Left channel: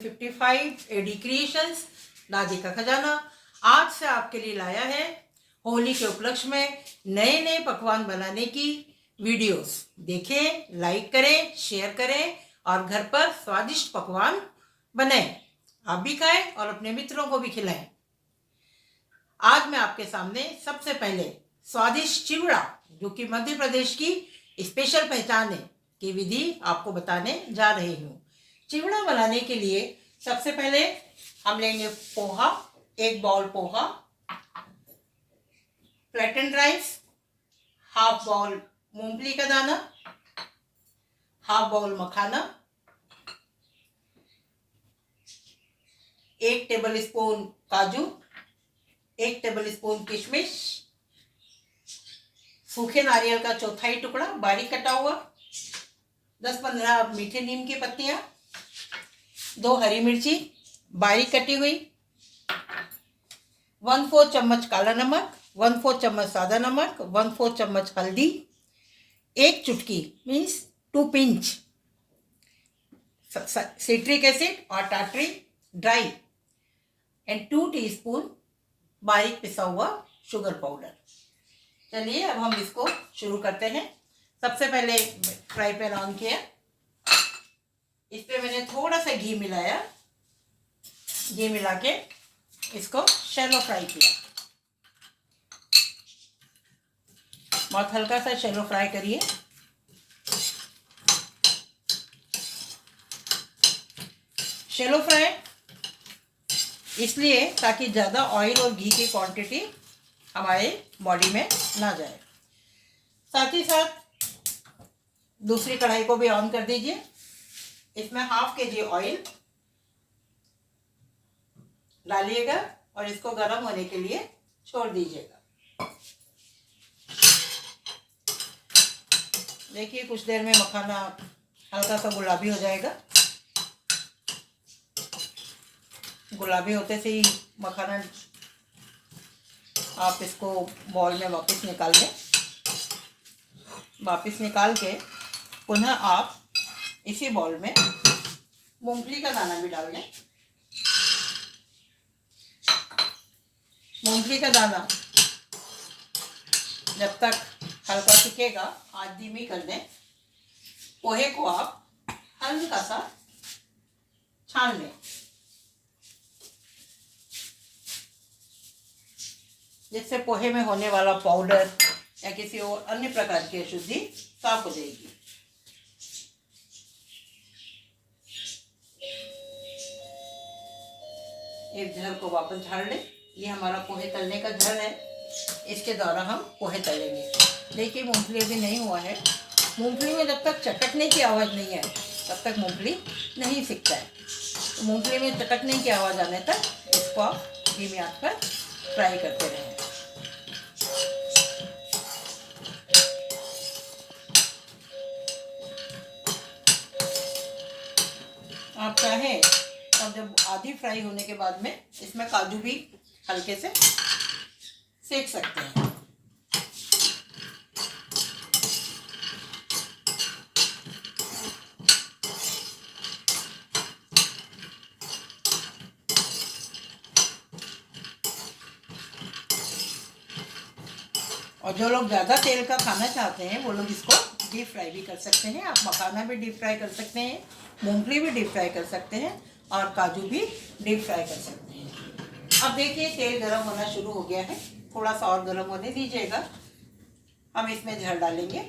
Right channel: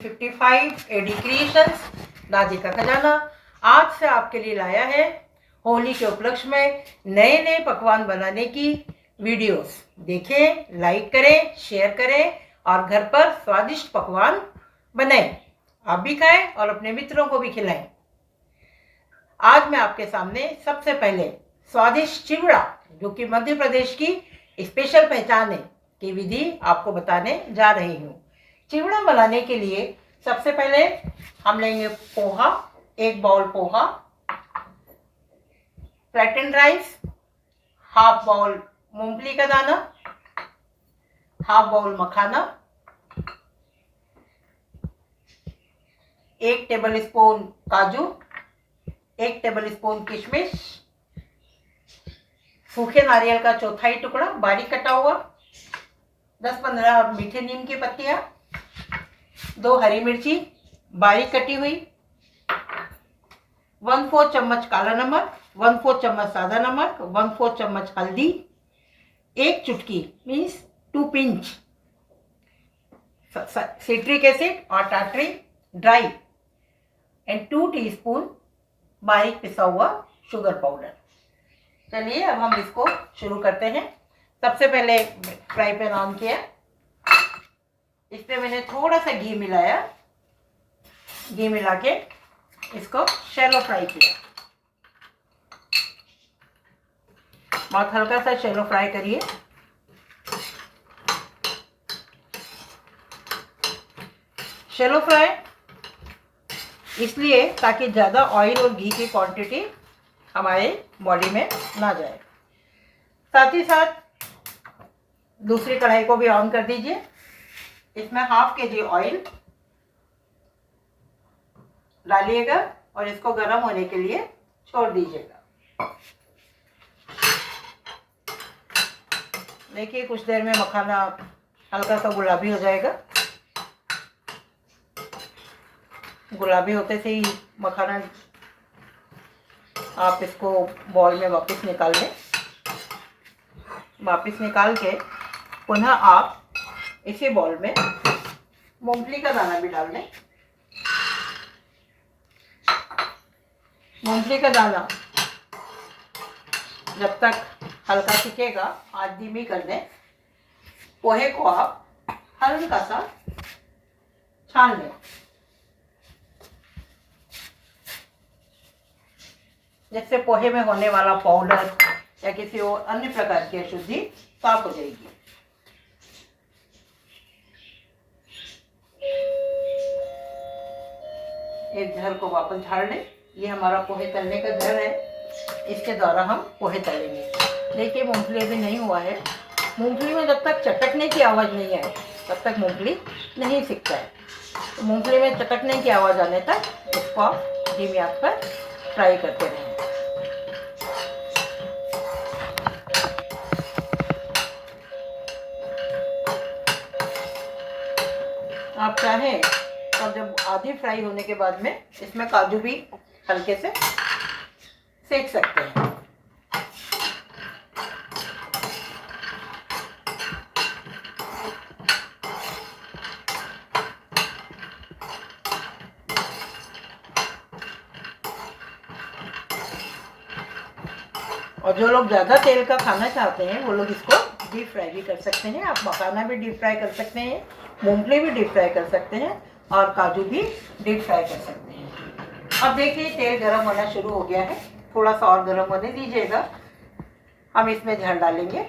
55 AD creations दादी का खजाना आज से आपके लिए लाया है होली के उपलक्ष्य में नए नए पकवान बनाने की वीडियोस। देखें, लाइक करें, शेयर करें और घर पर स्वादिष्ट पकवान बनाएं। आप भी खाएं और अपने मित्रों को भी खिलाएं। आज मैं आपके सामने सबसे पहले स्वादिष्ट चिवड़ा, जो कि मध्य प्रदेश की स्पेशल पहचान है, की विधि आपको बताने जा रही हूँ। चिवड़ा बनाने के लिए सबसे पहले हम लेंगे poha, 1 bowl poha, flattened rice, half bowl मूंगफली का दाना, half bowl makhana, 1 table spoon काजू, 1 टेबल स्पून किशमिश, सूखे नारियल का चौथाई टुकड़ा बारीक कटा हुआ, 10-15 मीठे नीम की पत्तियां, 2 हरी मिर्ची बारीक कटी हुई, 1/4 चम्मच काला नमक, 1/4 चम्मच सादा नमक, 1/4 चम्मच हल्दी, 1 चुटकी मीन्स 2 पिंच सिट्रिक एसिड और टाटरी ड्राई एंड 2 टीस्पून बारीक पिसा हुआ शुगर पाउडर। चलिए अब हम इसको शुरू करते हैं। सबसे पहले फ्राई पैन ऑन किया, इस पे मैंने थोड़ा सा घी मिलाया, घी मिला के इसको शैलो फ्राई किया। बहुत हल्का सा शैलो फ्राई करिए। शैलो फ्राई इसलिए ताकि ज़्यादा ऑयल और घी की क्वांटिटी हमारे बॉडी में ना जाए। साथ ही साथ दूसरी कढ़ाई को भी ऑन कर दीजिए। इसमें ½ kg ऑयल डालिएगा और इसको गर्म होने के लिए छोड़ दीजिएगा। देखिए कुछ देर में मखाना हल्का सा गुलाबी हो जाएगा। गुलाबी होते से ही मखाना आप इसको बॉल में वापस निकाल दें। वापस निकाल के पुनः आप इसी बॉल में मूंगफली का दाना भी डाल दें। मूंगफली का दाना जब तक हल्का सिकेगा आंच धीमी कर दें। पोहे को आप हल्का सा छान लें, जिससे पोहे में होने वाला पाउडर या किसी और अन्य प्रकार की अशुद्धि साफ हो जाएगी। एक झर को वापस झाड़ लें। ये हमारा पोहे तलने का झर है, इसके द्वारा हम पोहे तलेंगे। देखिए मूंगफली अभी नहीं हुआ है। मूंगफली में जब तक चटकने की आवाज़ नहीं आए तब तक मूंगफली नहीं सिकता है। तो मूंगफली में चटकने की आवाज़ आने तक इसको आप धीमी आंच पर फ्राई करते रहें। आप चाहें और जब आधी फ्राई होने के बाद में इसमें काजू भी हल्के से सेक सकते हैं। और जो लोग ज़्यादा तेल का खाना चाहते हैं वो लोग इसको डीप फ्राई भी कर सकते हैं। आप मखाना भी डीप फ्राई कर सकते हैं, मूंगफली भी डीप फ्राई कर सकते हैं और काजू भी डीप फ्राई कर सकते हैं। अब देखिए तेल गरम होना शुरू हो गया है, थोड़ा सा और गरम होने दीजिएगा। हम इसमें झड़ डालेंगे।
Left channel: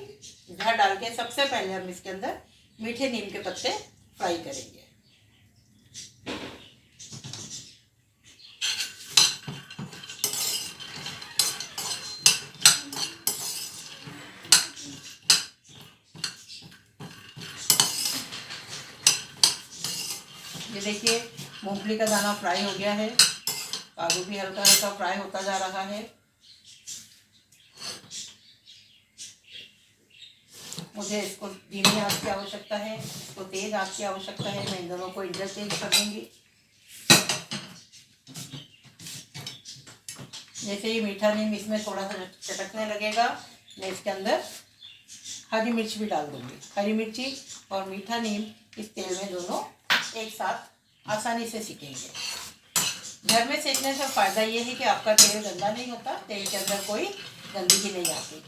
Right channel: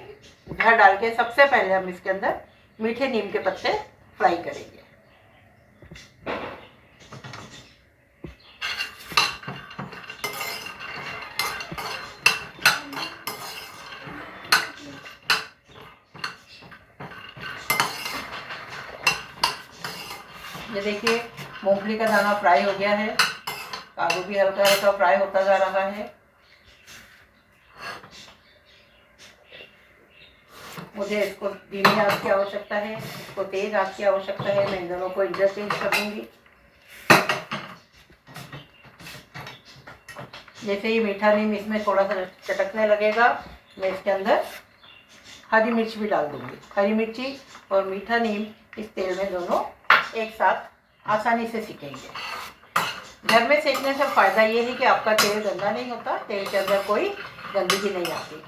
झड़ डाल के सबसे पहले हम इसके अंदर मीठे नीम के पत्ते फ्राई करेंगे। ये देखिए मूंगफली का दाना फ्राई हो गया है, काजू भी हल्का हल्का फ्राई होता जा रहा है। मुझे इसको धीमी आंच की आवश्यकता है, इसको तेज आंच की आवश्यकता है। मैं इन दोनों को इंटरचेंज कर दूंगी। जैसे ही मीठा नीम इसमें थोड़ा सा चटकने लगेगा, मैं इसके अंदर हरी मिर्च भी डाल दूंगी। हरी मिर्ची और मीठा नीम इस तेल में दोनों एक साथ आसानी से सीखेंगे। घर में सेकने से फ़ायदा ये है कि आपका तेल गंदा नहीं होता, तेल के अंदर कोई गंदगी नहीं आती।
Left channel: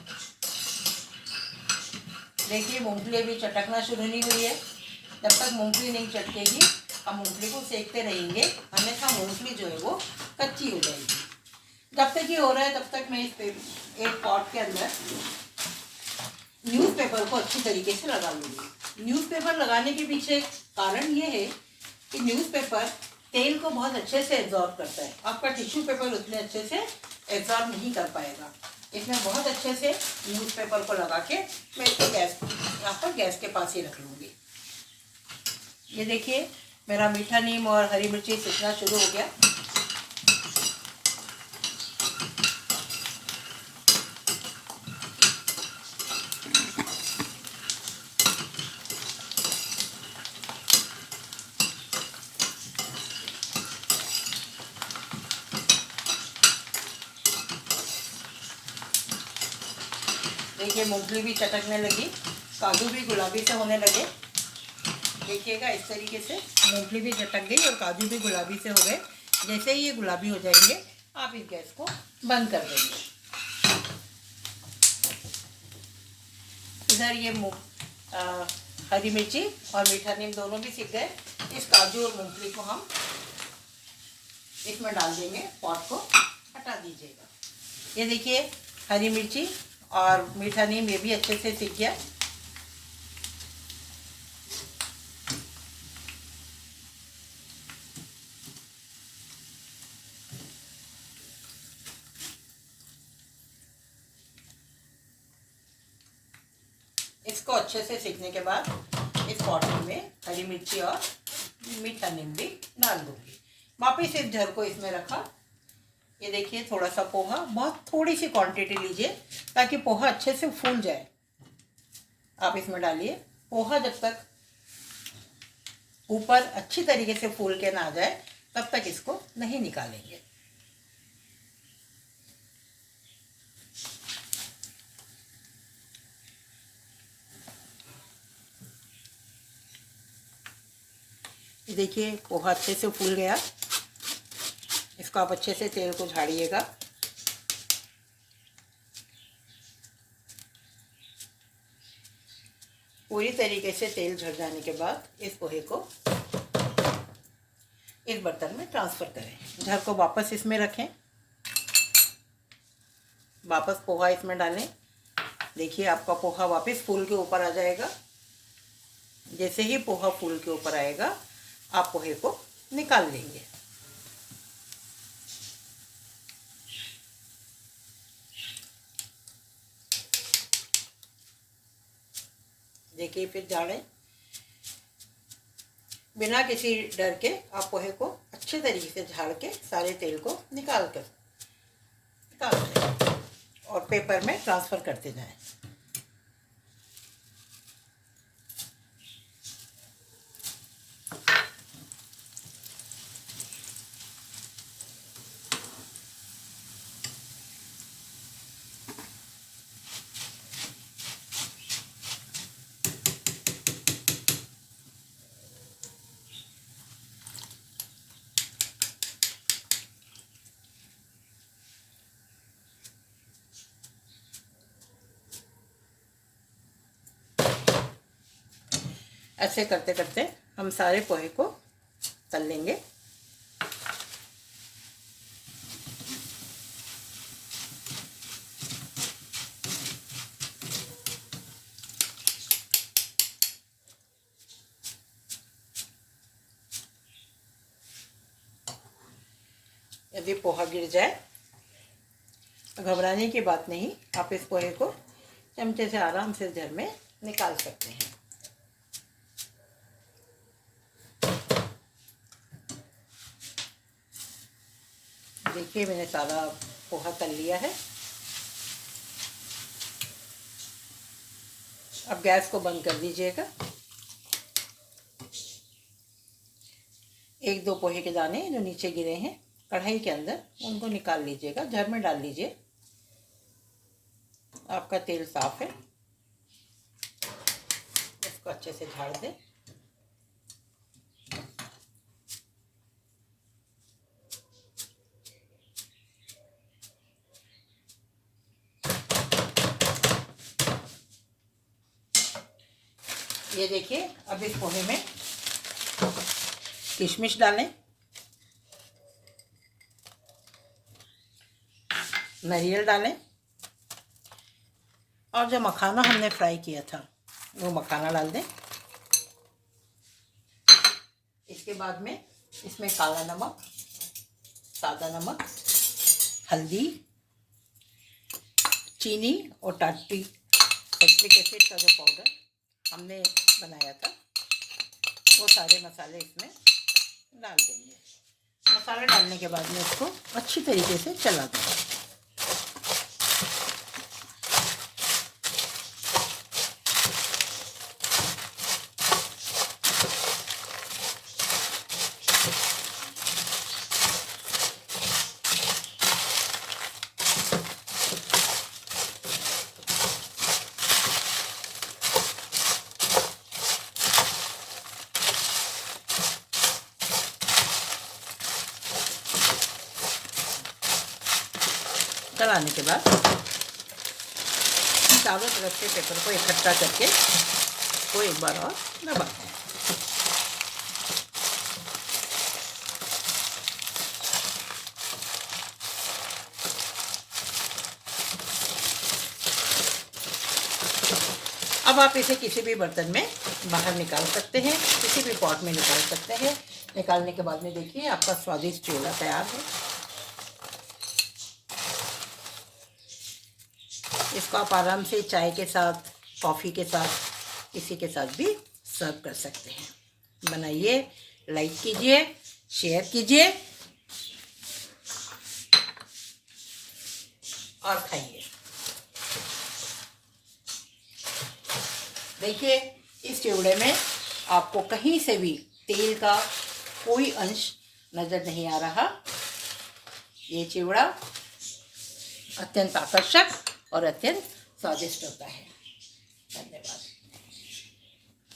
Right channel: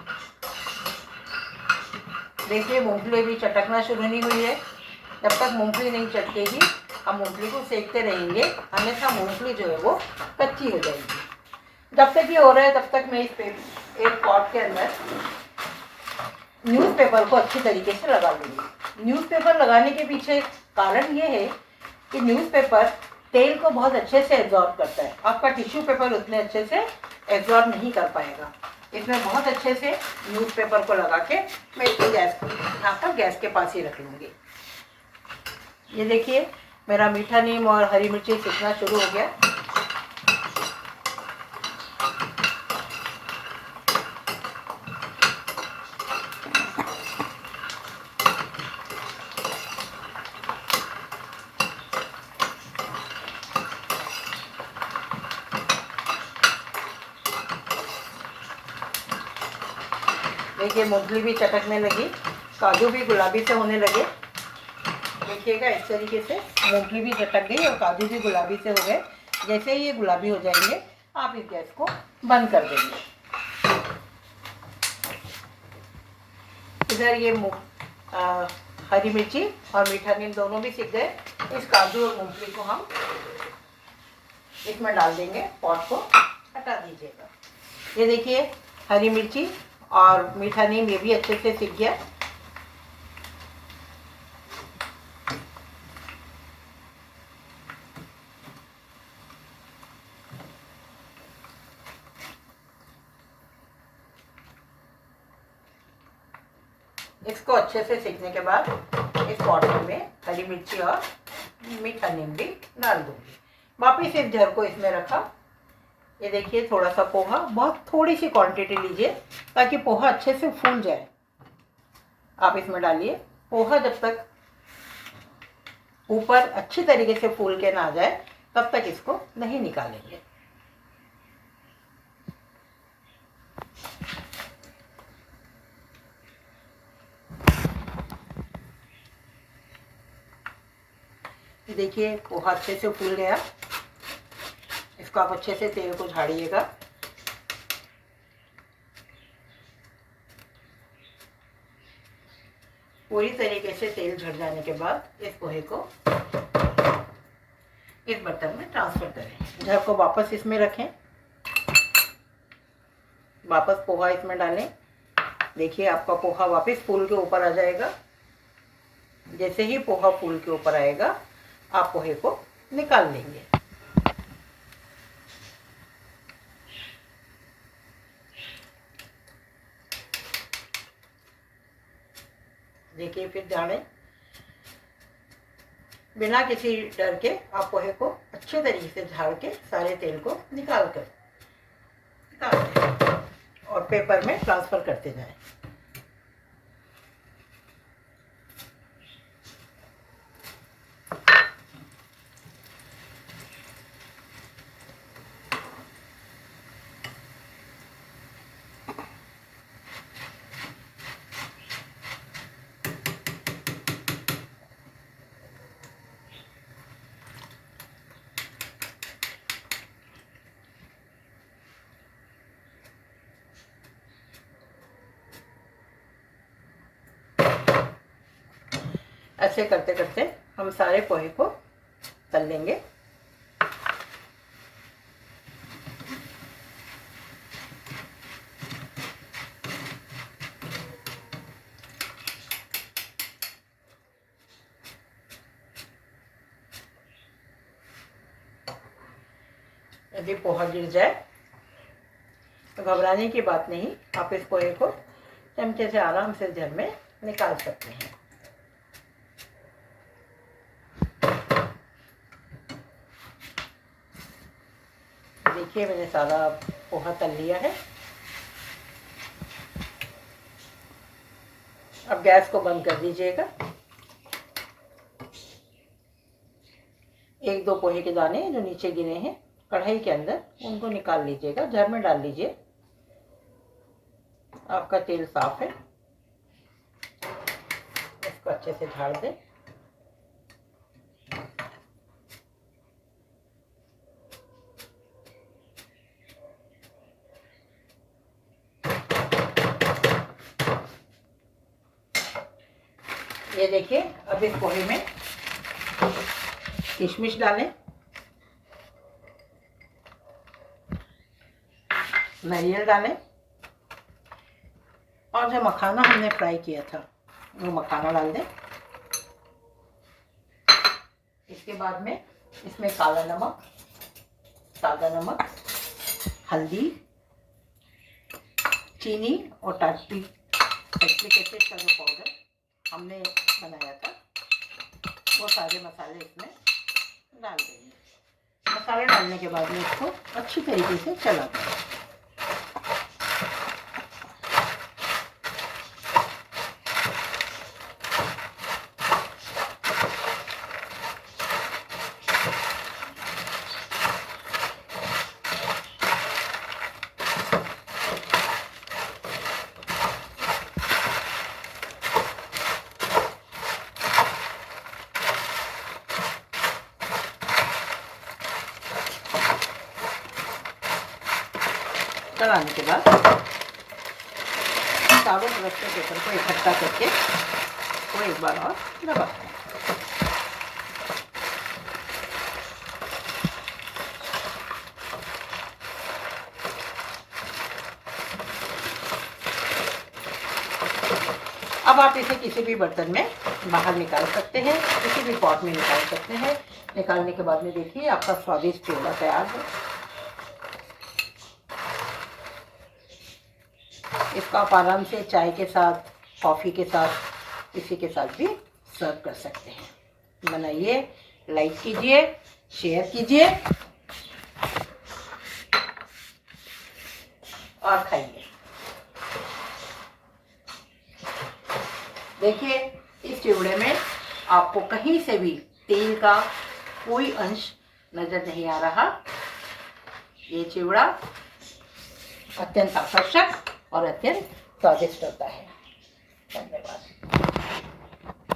देखिए मूंगफली भी चटकना शुरू नहीं हुई है। जब तक मूंगफली नहीं चटकेगी हम मूंगफली को सेकते रहेंगे, अन्यथा मूंगफली जो है वो कच्ची हो जाएगी। जब तक ये हो रहा है तब तक मैं एक पॉट के अंदर न्यूज़पेपर को अच्छी तरीके से लगा लूँगी। न्यूज़पेपर लगाने के पीछे कारण ये है कि न्यूज़पेपर तेल को बहुत अच्छे से एब्जॉर्ब करता है। आपका टिश्यू पेपर उतने अच्छे से एब्जॉर्ब नहीं कर पाएगा। इसमें बहुत अच्छे से न्यूज़पेपर को लगा के मैं इसको यहाँ पर गैस के पास ही रख लूँगी। ये देखिए मेरा मीठा नीम और हरी मिर्ची सीखना शुरू हो गया। देखिए मूंगफली भी चटकने लगी, काजू भी गुलाबी से होने लगे। देखिएगा इस तरीके से मूंगफली भी चटक गई और काजू भी गुलाबी से हो गए। जैसे ही ये गुलाबी हो जाएंगे आप इस गैस को बंद कर देंगे। इधर ये हरी मिर्ची और मीठा नीम दोनों भी सीख गए। इस काजू और मूंगफली को हम इसमें डाल देंगे, पॉट को हटा दीजिएगा। ये देखिए हरी मिर्ची और मीठा नीम ये भी अच्छे से सीख गया। इसको अच्छे से सीखने के बाद इस पॉट में हरी मिर्ची और मीठा नीम भी डाल दूंगी। वापिस इस झर को इसमें रखा। ये देखिए थोड़ा सा पोहा, बहुत थोड़ी सी क्वांटिटी लीजिए ताकि पोहा अच्छे से फूल जाए। आप इसमें डालिए। पोहा जब तक ऊपर अच्छी तरीके से फूल के ना आ जाए तब तक इसको नहीं निकालेंगे। देखिए पोहा अच्छे से फूल गया। इसको आप अच्छे से तेल को झाड़िएगा। पूरी तरीके से तेल झड़ जाने के बाद इस पोहे को इस बर्तन में ट्रांसफ़र करें। झर को वापस इसमें रखें, वापस पोहा इसमें डालें। देखिए आपका पोहा वापस फूल के ऊपर आ जाएगा। जैसे ही पोहा फूल के ऊपर आएगा आप पोहे को निकाल लेंगे। देखिए फिर झाड़ें। बिना किसी डर के आप पोहे को अच्छे तरीके से झाड़ के सारे तेल को निकाल दें और पेपर में ट्रांसफ़र करते जाएं। ऐसे करते करते हम सारे पोहे को तल लेंगे। यदि पोहा गिर जाए तो घबराने की बात नहीं, आप इस पोहे को चमचे से आराम से झर में निकाल सकते हैं। देखिए मैंने सारा पोहा तल लिया है। अब गैस को बंद कर दीजिएगा। एक दो पोहे के दाने जो नीचे गिरे हैं कढ़ाई के अंदर, उनको निकाल लीजिएगा, झर में डाल लीजिए। आपका तेल साफ है। इसको अच्छे से झाड़ दें। ये देखिए, अब इस पोहे में किशमिश डालें, नारियल डालें और जो मखाना हमने फ्राई किया था वो मखाना डाल दें। इसके बाद में इसमें काला नमक, सादा नमक, हल्दी, चीनी और टार्ट्रिक एसिड का जो पाउडर हमने बनाया था वो सारे मसाले इसमें डाल देंगे। मसाले डालने के बाद में इसको अच्छी तरीके से चला दें। चलाने के बाद चारों तरफ से पेपर को इकट्ठा करके वो एक बार और दबाते हैं। अब आप इसे किसी भी बर्तन में बाहर निकाल सकते हैं, किसी भी पॉट में निकाल सकते हैं। निकालने के बाद में देखिए आपका स्वादिष्ट चिवड़ा तैयार है। इसको आप आराम से चाय के साथ, कॉफ़ी के साथ, किसी के साथ भी सर्व कर सकते हैं। बनाइए, लाइक कीजिए, शेयर कीजिए और खाइए। देखिए, इस चिवड़े में आपको कहीं से भी तेल का कोई अंश नज़र नहीं आ रहा। ये चिवड़ा अत्यंत आकर्षक और अत्यंत स्वादिष्ट होता है। धन्यवाद।